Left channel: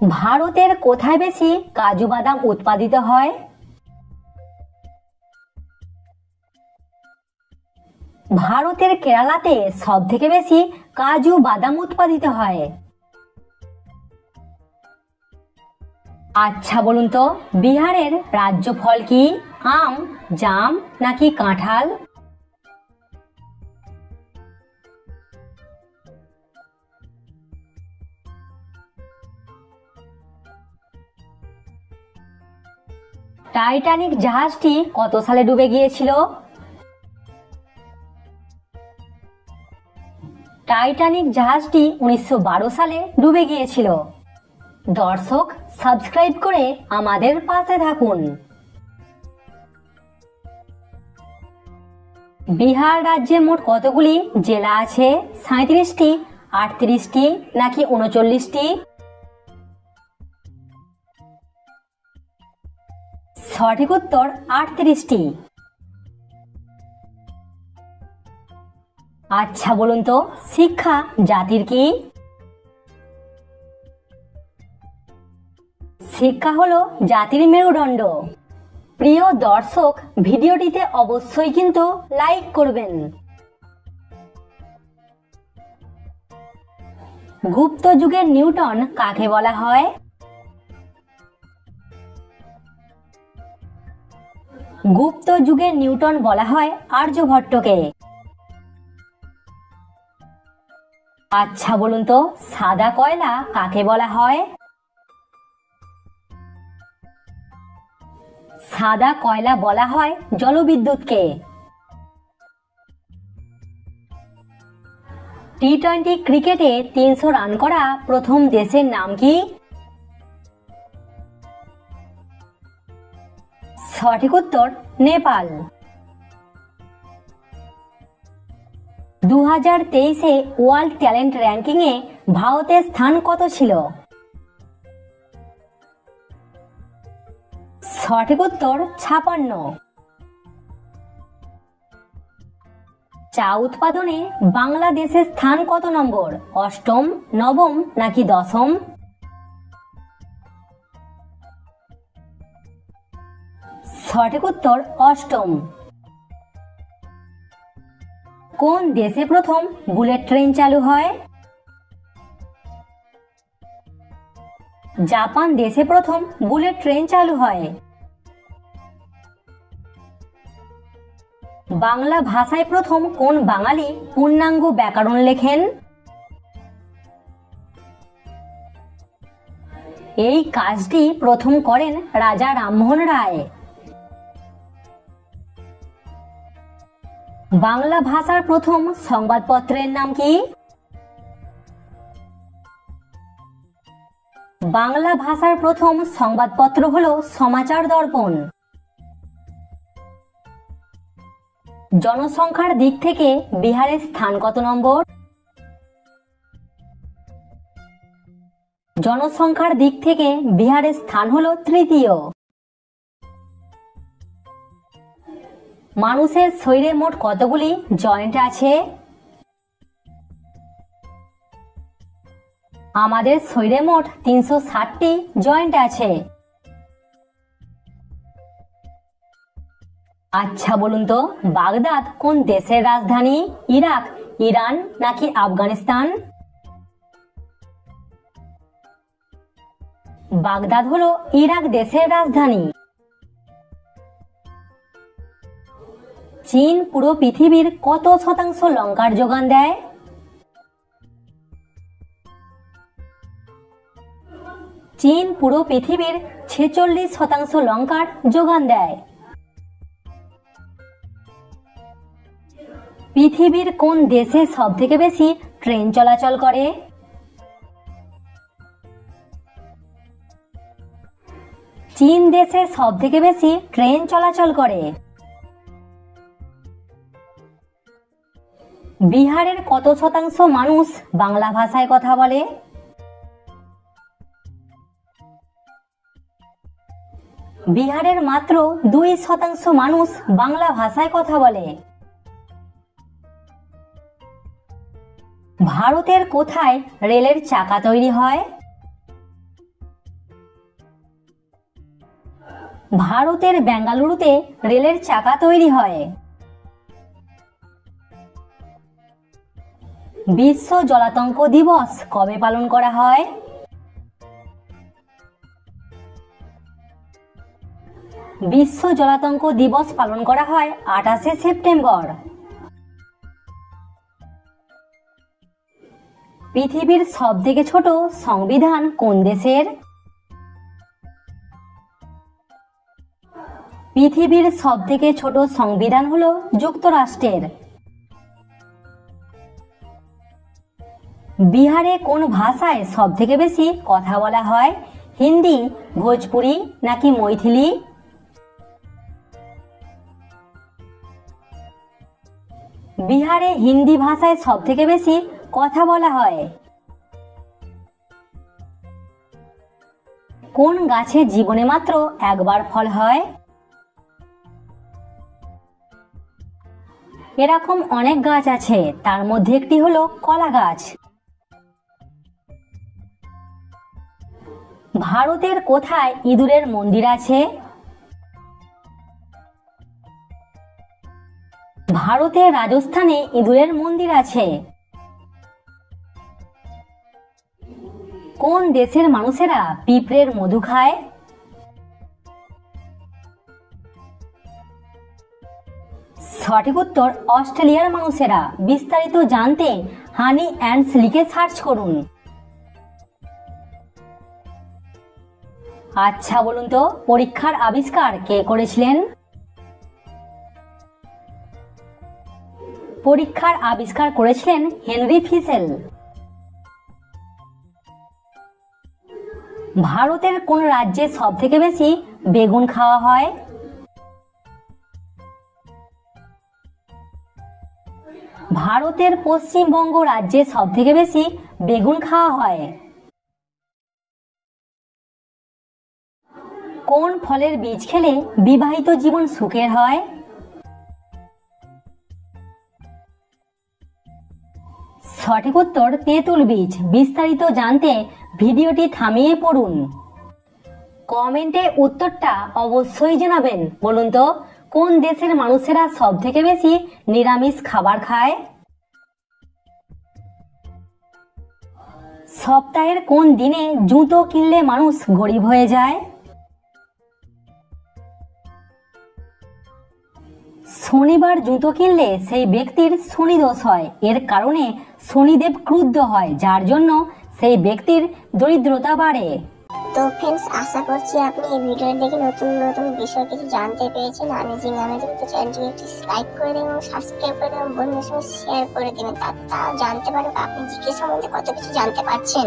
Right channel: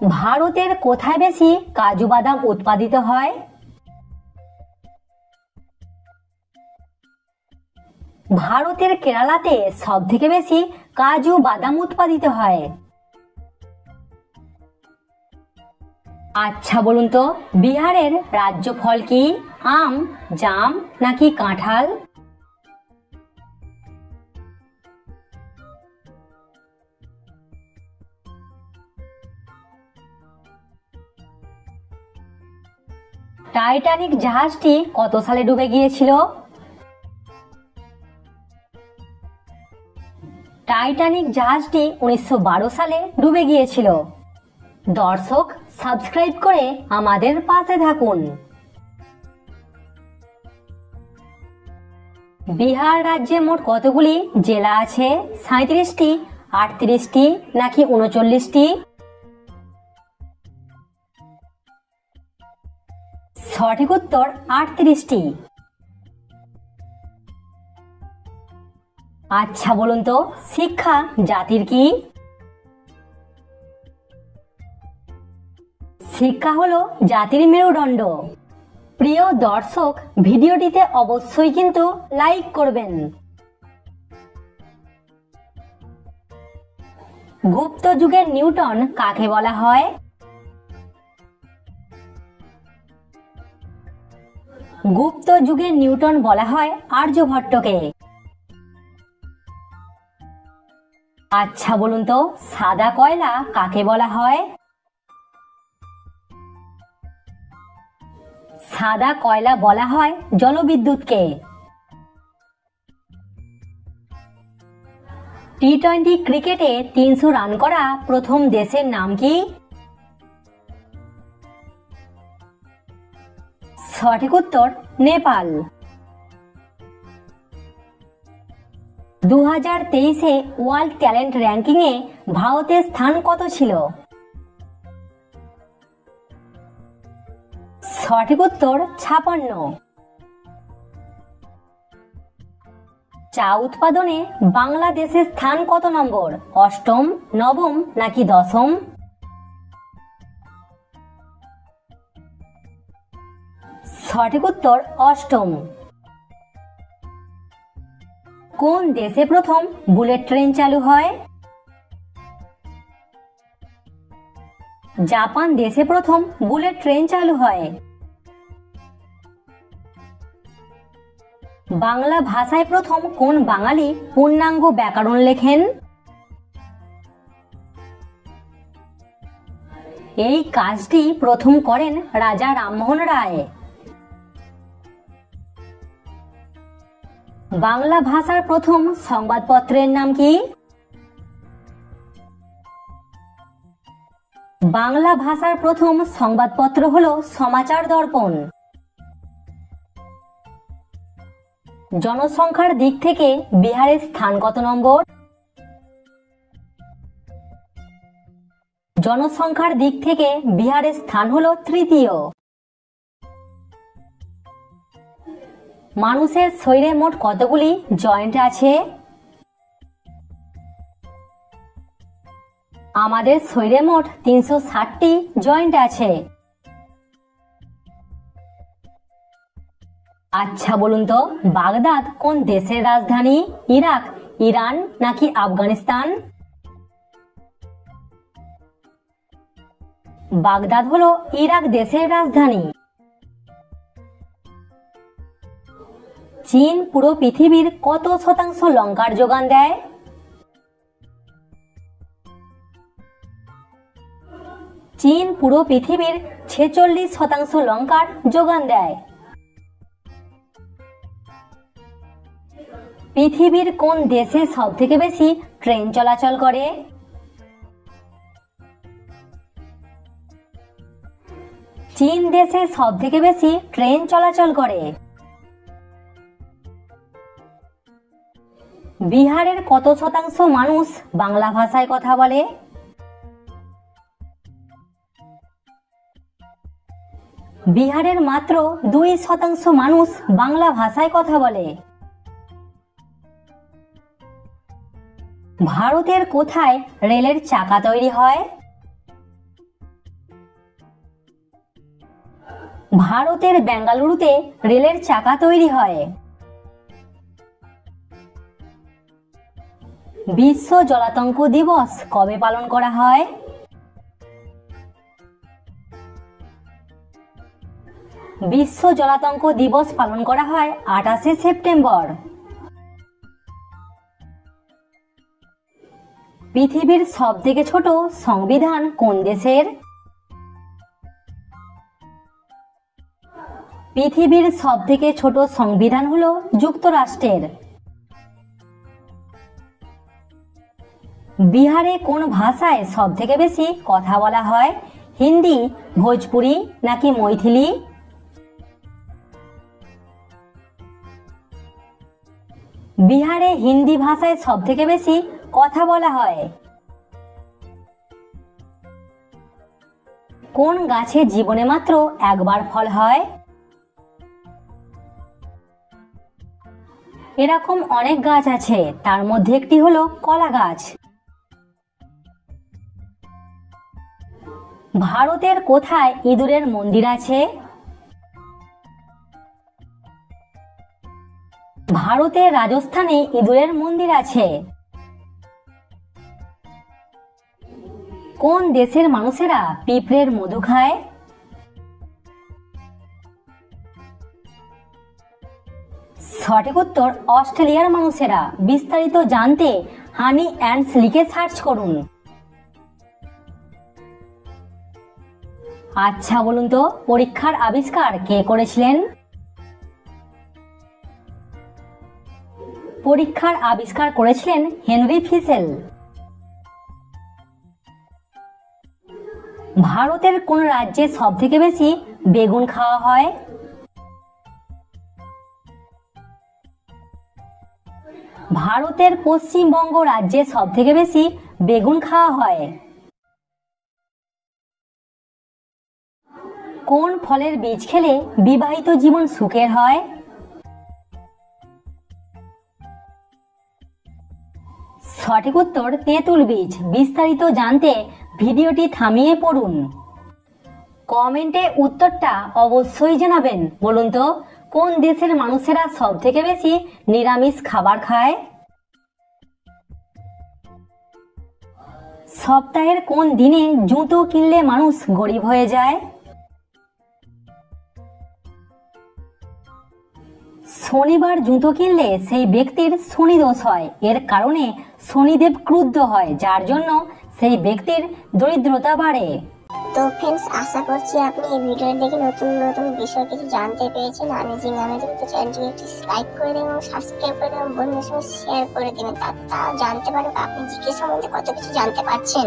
ভারতের কোথায় বেশি কাজু বাদাম উৎপাদিত হয়? ভারতের কেরালাতে সব থেকে বেশি কাজু বাদাম উৎপাদিত হয়। আচ্ছা বলুন তো, বিহারের রাজ্য ফল কি? আম, জাম নাকি কাঁঠাল? টাইটানিক জাহাজটি কত সালে ডুবে গিয়েছিল? টাইটানিক জাহাজটি 1912 সালে ডুবে গিয়েছিল। দর্শক, সাবস্ক্রাইব করে আমাদের পাশে থাকুন। বিহার রাজ্যে মোট কতগুলি জেলা আছে? 37টি, 38টি নাকি 39টি? সঠিক উত্তর 38টি। আচ্ছা বলুন তো, শিক্ষা জাতির কি? শিক্ষা হলো জাতির মেরুদণ্ড। প্রিয় দর্শক, ভিডিওটিতে অবশ্যই কিন্তু লাইক করবেন। গুপ্ত যুগের নিউটন কাকে বলা হয়? গুপ্ত যুগের নিউটন বলা হয় আর্যভট্টকে। আচ্ছা বলুন তো, সাদা কয়লা কাকে বলা হয়? সাদা কয়লা বলা হয় জলবিদ্যুৎকে। টি-20 ক্রিকেটে 300 রান করা প্রথম দেশের নাম কি? সঠিক উত্তর নেপাল। 2023-এ ওয়ার্ল্ড ট্যালেন্ট র্যাঙ্কিং এ ভারতের স্থান কত ছিল? সঠিক উত্তর 56। চা উৎপাদনে বাংলাদেশের স্থান কত নম্বর? 8ম, 9ম নাকি 10ম? সঠিক উত্তর 8ম। কোন দেশে প্রথম বুলেট ট্রেন চালু হয়? জাপান দেশে প্রথম বুলেট ট্রেন চালু হয়। বাংলা ভাষায় প্রথম কোন বাঙালি পূর্ণাঙ্গ ব্যাকরণ লেখেন? এই কাজটি প্রথম করেন রাজা রামমোহন রায়। বাংলা ভাষার প্রথম সংবাদপত্রের নাম কি? বাংলা ভাষার প্রথম সংবাদপত্র হলো সমাচার দর্পণ। জনসংখ্যার দিক থেকে বিহারের স্থান কত নম্বর? জনসংখ্যার দিক থেকে বিহারের স্থান হলো তৃতীয়। মানুষের শরীরে মোট কতগুলি জয়েন্ট আছে? আমাদের শরীরে মোট 360টি জয়েন্ট আছে। আচ্ছা বলুন তো, বাগদাদ কোন দেশের রাজধানী? ইরাক, ইরান নাকি আফগানিস্তান? বাগদাদ হলো ইরাক দেশের রাজধানী। চীন পুরো পৃথিবীর কত শতাংশ লঙ্কার যোগান দেয়? চীন পুরো পৃথিবীর 46% লঙ্কার যোগান দেয়। পৃথিবীর কোন দেশে সব থেকে বেশি ট্রেন চলাচল করে? চীন দেশে সব থেকে বেশি ট্রেন চলাচল করে। বিহারের কত শতাংশ মানুষ বাংলা ভাষায় কথা বলে? বিহারের মাত্র 2% মানুষ বাংলা ভাষায় কথা বলে। ভারতের কোথায় রেলের চাকা তৈরি হয়? ভারতের বেঙ্গালুরুতে রেলের চাকা তৈরি হয়। বিশ্ব জলাতঙ্ক দিবস কবে পালন করা হয়? বিশ্ব জলাতঙ্ক দিবস পালন করা হয় 28শে সেপ্টেম্বর। পৃথিবীর সবথেকে ছোট সংবিধান কোন দেশের? পৃথিবীর সবথেকে ছোট সংবিধান হলো যুক্তরাষ্ট্রের। বিহারে কোন ভাষায় সবথেকে বেশি কথা বলা হয়? হিন্দি, ভোজপুরি নাকি মৈথিলি? বিহারে হিন্দি ভাষায় সবথেকে বেশি কথা বলা হয়। কোন গাছে জীবনে মাত্র একবার ফল হয়? এরকম অনেক গাছ আছে, তার মধ্যে একটি হলো কলা গাছ। ভারতের কোথায় ইঁদুরের মন্দির আছে? ভারতের রাজস্থানে ইঁদুরের মন্দির আছে। কোন দেশের মানুষেরা পিঁপড়ের মধু খায়? সঠিক উত্তর অস্ট্রেলিয়ার মানুষেরা। বিস্তারিত জানতে হানি অ্যান্ডস লিখে সার্চ করুন। আচ্ছা বলুন তো, পরীক্ষার আবিষ্কার কে করেছিলেন? পরীক্ষার আবিষ্কার করেছিলেন হেনরি ফিশেল। ভারতের কোন রাজ্যে সবথেকে বেশি বেগুন খাওয়া হয়? ভারতের পশ্চিমবঙ্গ রাজ্যে সবথেকে বেশি বেগুন খাওয়া হয়। কোন ফলের বীজ খেলে বিবাহিত জীবন সুখের হয়? সঠিক উত্তর তেঁতুল বীজ। বিস্তারিত জানতে ভিডিওটি থামিয়ে পড়ুন। কমেন্টে উত্তরটা অবশ্যই জানাবেন। বলুন তো, কোন দেশের মানুষেরা সবথেকে বেশি নিরামিষ খাবার খায়? সপ্তাহের কোন দিনে জুতো কিনলে মানুষ গরিব হয়ে যায়? শনিবার জুতো কিনলে সেই ব্যক্তির শনি দোষ হয়। এর কারণে শনিদেব ক্রুদ্ধ হয়, যার জন্য সেই ব্যক্তির দরিদ্রতা বাড়ে। তো ফ্রেন্ডস, আশা করছি আপনি এই ভিডিও দেখে নতুন নতুন বিষয় কিছু জানতে পেরেছেন। অ্যামেজিং তো চ্যানেলটিকে একটি লাইক করে দেবেন এবং সাবস্ক্রাইব করে দেবেন, বন্ধুদের সঙ্গে শেয়ার করে দেবেন, তারা জানতে পারবে আপনি জিকে সম্বন্ধে কত কিছু জানতে পারছেন।